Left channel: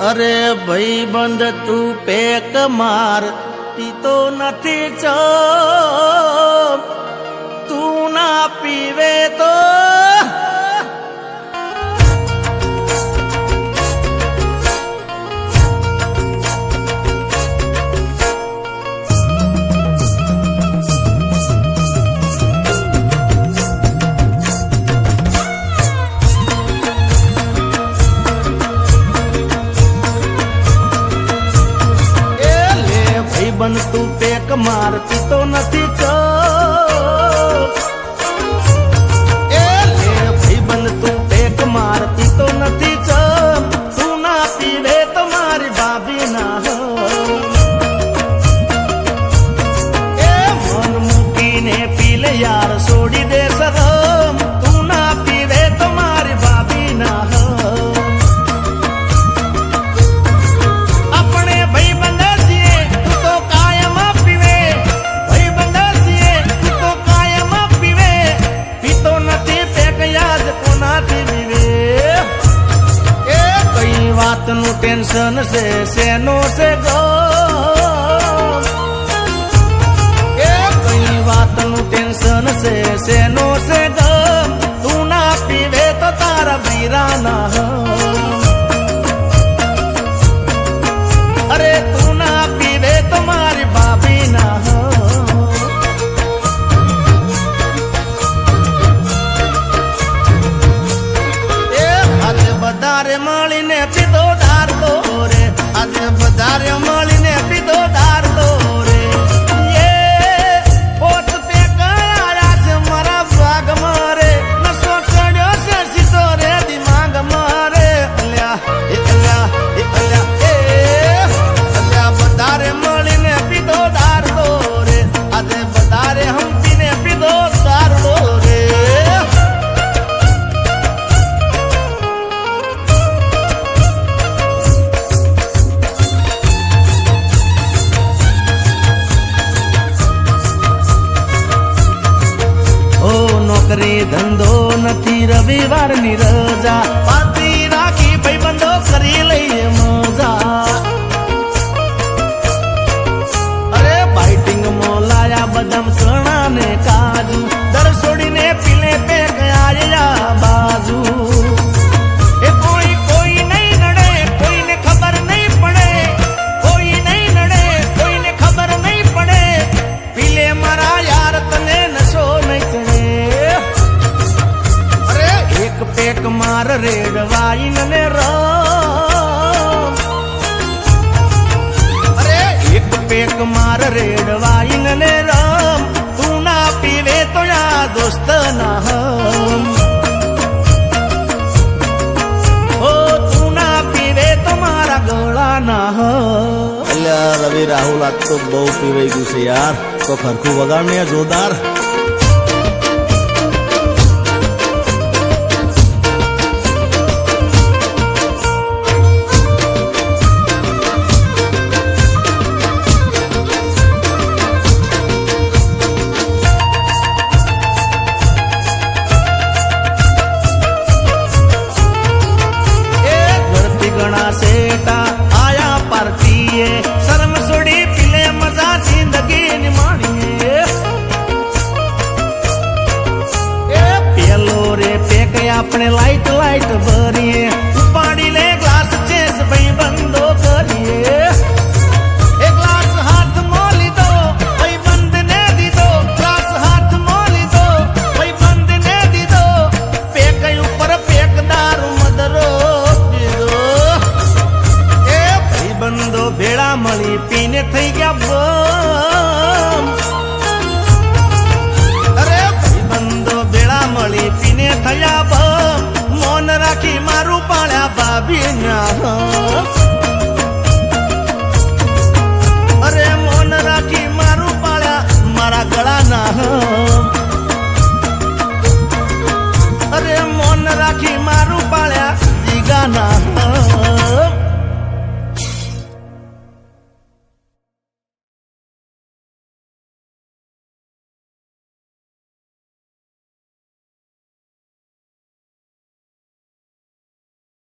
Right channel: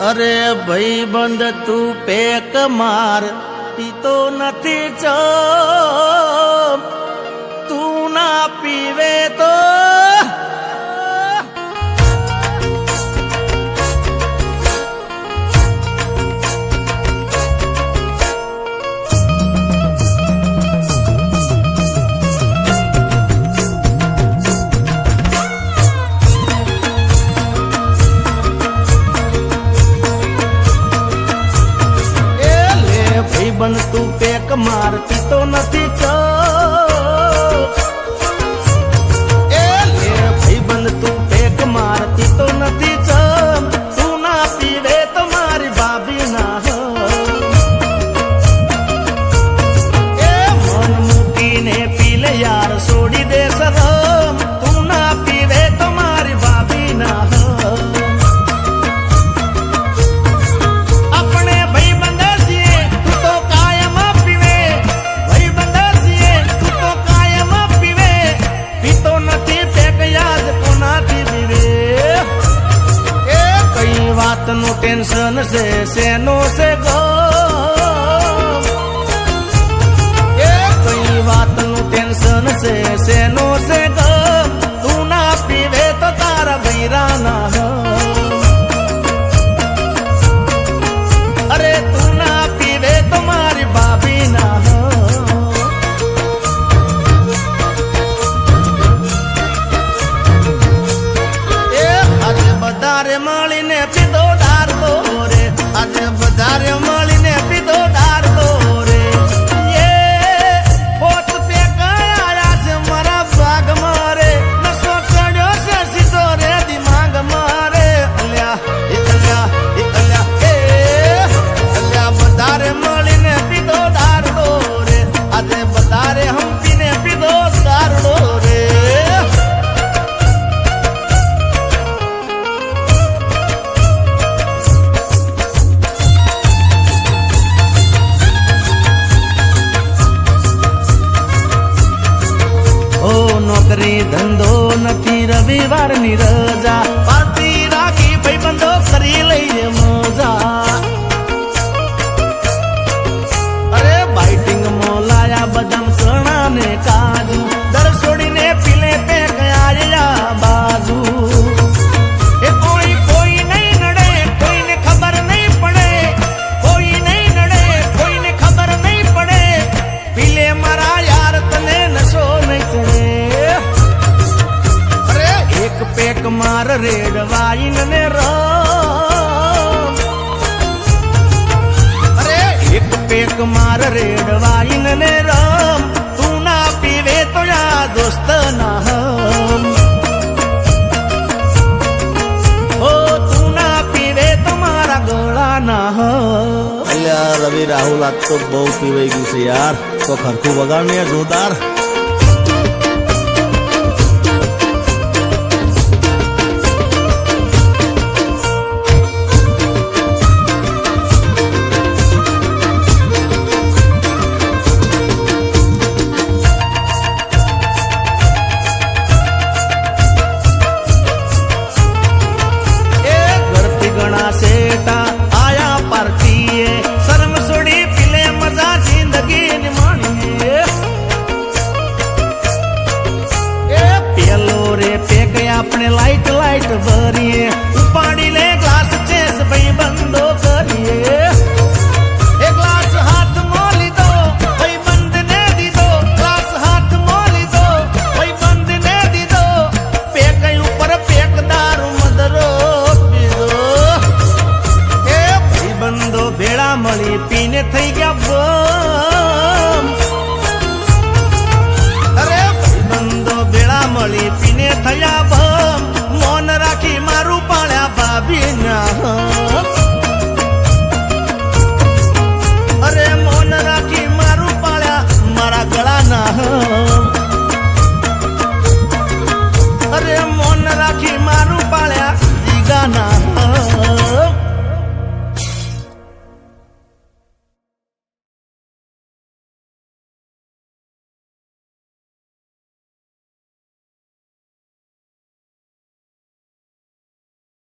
અરે ભાઈ બંધ તું પેક માર પીતો નથી ચો તું ના પીવે તો બન તું પેક માર પીતો નથી ચો એ લે ભાઈ બન તું પેક માર પીતો નથી ચો તું ના પીવે તો મારી ભાભી ના એ મન મૂકીને પી લે યાર છોડી દે શરમ તું ના પીવે તો મારી ભાભી ના વાત નું ટેન્શન છે શેનો છે ગો એ કઈ વાત નું ટેન્શન છે શેનો છે ગમ તું ના પીવે તો તારા બૈરા ના અરે તું ના પીવે તો મારી ભાભી ના આજે બધારે મળીને પીધો દારલો રે આજે બધારે મળીને પીધો દારલો રે એ પોત પે કયા છે મારા ભાગ મારે નસો ચડ્યો છે સીધો રે દિમાગ મારે અલ્યા એ અલ્યા એ અલ્યા એ અલ્યા બધારે મળીને પીધો દારલો રે આજે બધારે હંપીને પીધો દારલો રે નોકરી ધંધો નથી રવિવાર ની રજા પાર્ટી રાખી ભાઈ બંધો કરી લઈએ મજા અરે બાઇટિંગ માં લાયા બદામ ચણા ને કાજુ દર છોડીને પીલે પે ગયા બાજુ એ કોઈ કોઈ નહીં નડે કોઈને ખબર નહીં પડે કોઈ નહીં નડે કોઈને ખબર નહીં પડે પીલે મારા યાર તને નશો નહીં ચડે એક પેક માર રેડ વાઈન ને રમ અરે એક પેક માર રેડ વાઈન ને રમ તું ના પીવે તો યા દોસ્ત ના હમ ઓ તું ના પીવે તો મારા ગળા ના હમ અલ્યા રવિ રાહુલ આજ તો બહુ પીવાઈ ગયું છે યાર તો ખરખું વગાડ ને જોરદાર गणा सेटा आया पार्टी शर्म छोड़ी पीले मजा जिंदगी निमाणिए ए पेलो रे पेक अपने लाइट लाइट भरिए उपाड़ी ले ग्लास चेस भाई बंदो करिए एक ग्लास हाथ मोली दो भाई बंद ने दी दो ग्लास हाथ मोली दो भाई बंद ने दी दो पेक ऊपर पेक दारू मदरो બંદો ભેળા મળી પીને થઈ ગયા બમ અરે ભાઈ બંદો ભેળા મળી પીને થયા બમ મૌન રાખી મારું પાળ્યા ભાભી ના અરે મૌન રાખી મારું પાળ્યા મારા ગળા ના અરે મૌન રાખી મારું પાળ્યા જીગા ના